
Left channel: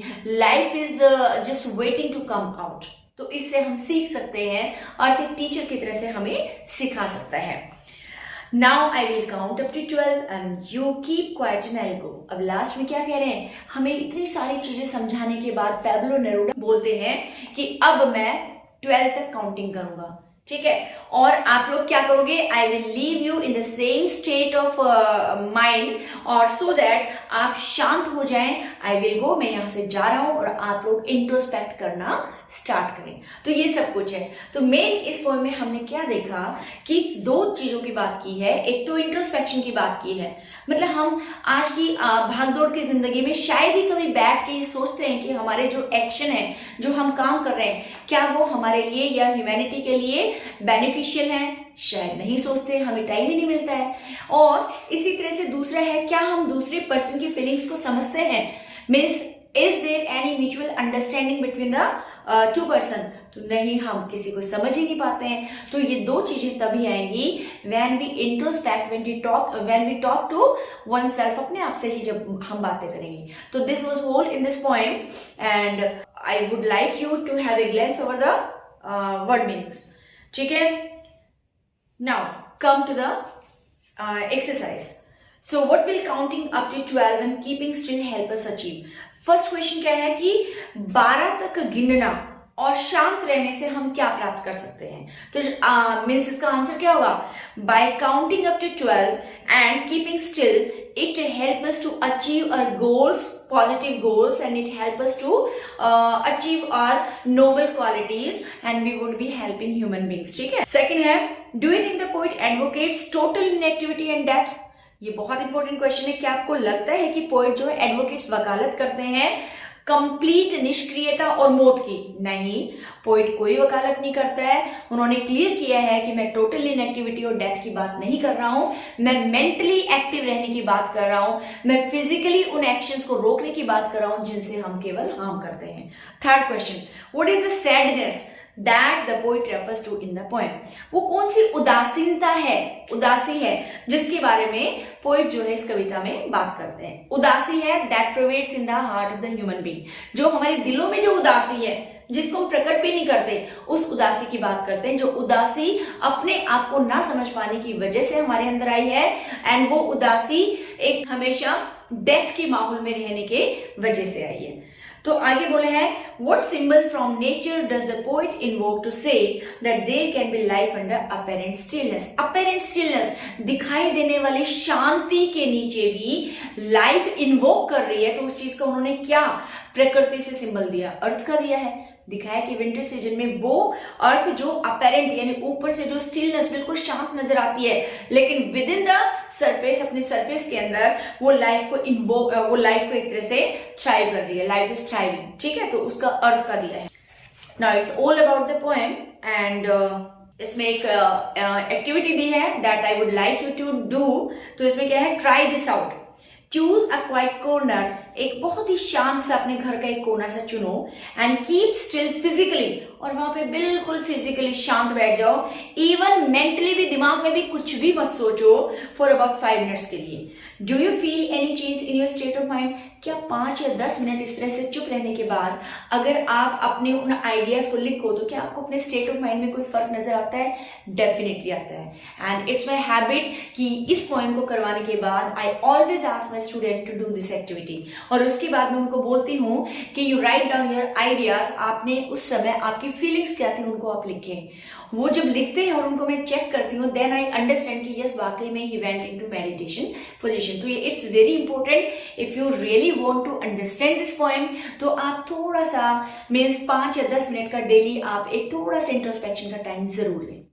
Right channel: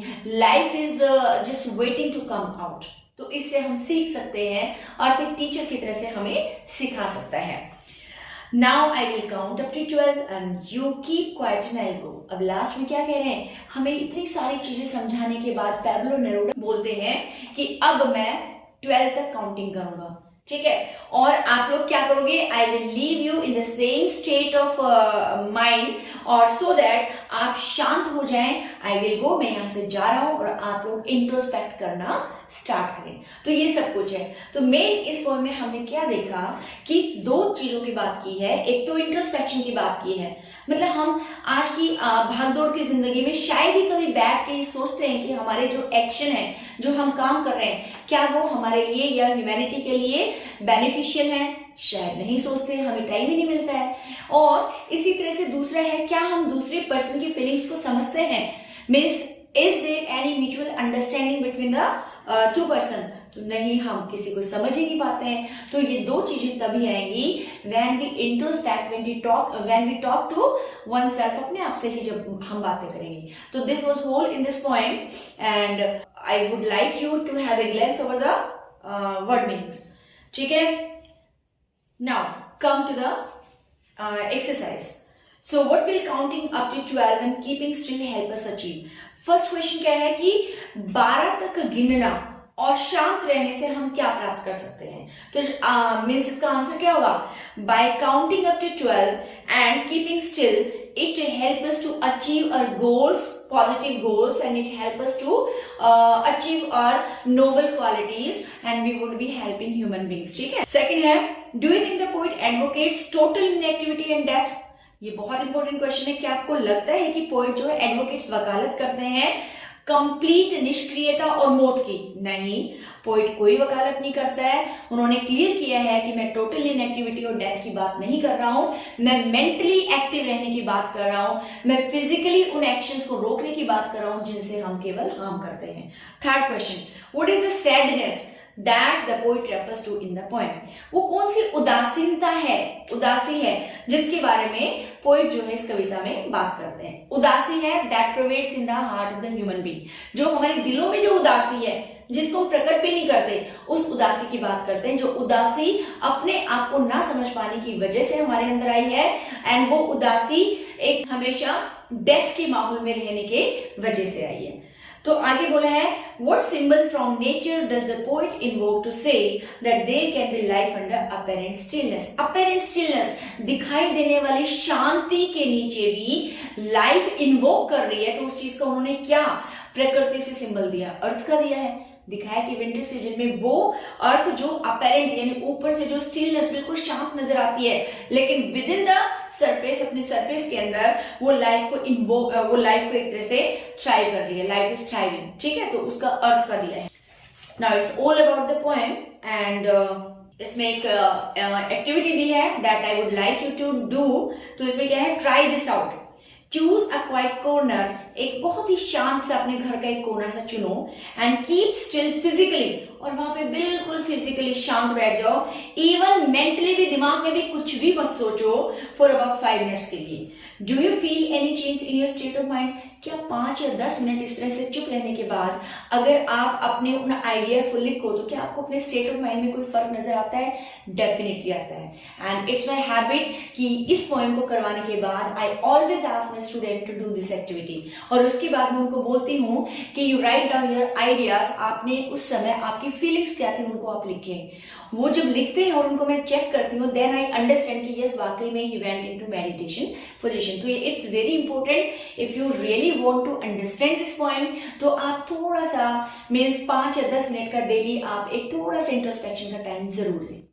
life is just waiting to come out. तो इससे हम सीख सकते हैं, अर्थ एक टीचर की तरह से हमें सिखा सकता है. Now I will count up to 12 and you keep quiet and I'll go. अब लास्ट में क्या कह रहे हैं? हमें इतनी सारी चीजें समझाने के बाद पैब्लो नेरूदा बोलते हैं कि अब मैं 12 तक काउंटिंग करूंगा, ठीक है. और आप लोग क्या करोगे? I will leave you in the same state of mind, और सो दैट आप शांत हो जाएं. आई विल गो, मैं यहां से जा रहा हूं और आप लोग इंट्रोस्पेक्ट करना स्टार्ट करें. तो ये सब कुछ है. तो मेन इस पोएम में हमने क्या देखा कि 2 चीजों की बात की है. एक तो इंट्रोस्पेक्शन की बात की है, मतलब हम आज की भागदौड़ की जिंदगी में शायद ही कभी बैठ के ये सोचते हैं कि हमारे जो एक्शन है, जो हम काम कर रहे हैं, क्या वो हमारे लिए या ह्यूमैनिटी के लिए बेनिफिशियल है? शायद नहीं सोचते, हमें टाइम ही नहीं मिलता है. और इसी तरह से दूसरा है, क्या हम दूसरे पर्सन की फीलिंग्स को समझते हैं? Means is there any mutual understanding between the 2 person? तो नहीं, हम किसी को समझ ही नहीं पाते हैं. तो ये 2 चीजें तभी आएंगी when we introspect, when we talk to one self, अपने आप से ही जब हम बातें करेंगे. तो this was whole in this point and I would like you to have a glance over the word meanings, ठीक है. Now come to the exercise. So what will counting up to 12 and keeping still help us achieve? First question क्या है कि 12 तक गिनना और शांत रहने से हम क्या प्राप्त कर सकते हैं? तो मीन्स इसका आंसर क्या होगा? By counting up to 12 and keeping still it help us to achieve our goals, positive goals, and it help us to achieve our noble qualities and we would be helping human beings, ठीक है. Second है, do you think the poet advocates total inactivity and death? ये बहुत important question है। क्या आपको लगता है कि पोएट जो है एडवोकेट्स वकालत करते हैं कंप्लीट निष्क्रियता और मौत की? नहीं, पोएट कोई वकालत नहीं करता है। उन्होंने क्लियर किया है कि मैं टोटल इनएक्टिविटी और डेथ की बात नहीं कर रहा हूं, मैं मेंटली एक्टिव रहने की बात कर रहा हूं, मैं फिजिकली उन एक्शंस को रोकने की बात कर रहा हूं जिनसे हम केवल हार्म करते हैं। Third question, what is the sadness that the poet refers to in the poem? वो कौन सी उदासीनता है, उदासी है, जिसके बारे में पोएट जो है इस कविता में बात करते हैं? उदासी है that pervades in the heart of the human being, जो हमारे दिलों में जो उदासी है जिसको हम प्रकट भी नहीं करते, उस उदासी की बात करते हैं। जो उदासी अपने आप को ना समझ पाने की वजह से हमारे अंदर आई है, एंड वो उदासी एक हमेशा डेथ के माहौल में रहने के वजह से आई है। तो आगे बोले हैं, what symbol from nature does the poet invoke to say that there can be life under apparent stillness? Apparent stillness, दिखाई देने वाली शांति के नीचे भी लाइफ इन्वोक कर रही है। तो उस चीज का उन्होंने क्या प्रकृति से सिंबल दिया? अर्थ का दिया है। दिखाया कि विंटर सीजन में वो अर्थ जो अपेरेंट यानी ऊपर से जो स्टिलनेस बिल्कुल शांत नजर आती है, लेकिन विद इन द सरफेस, अपने सरफेस के अंदर वो लाइफ को एक तरह से थ्राइव कर रही है। लाइफ इज थ्राइविंग, ठीक है? तो उसका अर्थ का दिया है। Now it's all about the poem, and इसमें एक एक्टिविटी दी है that I would like you to do. तो इसमें क्या है, try this out. Choose a quiet corner, एक बहुत ही शांत सा अपने घर का एक कोना सा चुनो, एंड कीप स्टिल फिजिकली, और वहां पे बिल्कुल फिजिकली शांत बैठ जाओ। इवन मेंटली भी, दिमाग में भी कुछ भी मत सोचो फॉर अबाउट 5 मिनट्स के लिए। Do you feel any change in your state of mind? क्या 5 या 10 मिनट इस तरह से चुप रहने के बाद अगर आप अपने उन आइडियाज को लिखो तो क्या आपको अपने स्टेट ऑफ माइंड में कोई फर्क नजर आता है? डेफिनेटली आता है। एंड इट्स माई हैबिट कि इस पोएम को करवाने के बाद I always ask my student to do this activity, और उसके बाद मैं उनको बोलती हूँ कि you write down your ideas. आपने उस समय आपकी फीलिंग्स क्या थी उनको आप लिखें। वो जब लिखते हैं और उनको मैं चेक करती हूँ, देन आई अंडरस्टैंड कि यस वाकई में ही वेंट इनटू मेडिटेशन पोजीशन। तो ये it's very important if you really want to understand this poem. तो आप थोड़ा सा मीन्स 5 या 10 मिनट का डेली आप एक थोड़ा सा इंट्रोस्पेक्शन का टाइम जरूर लें।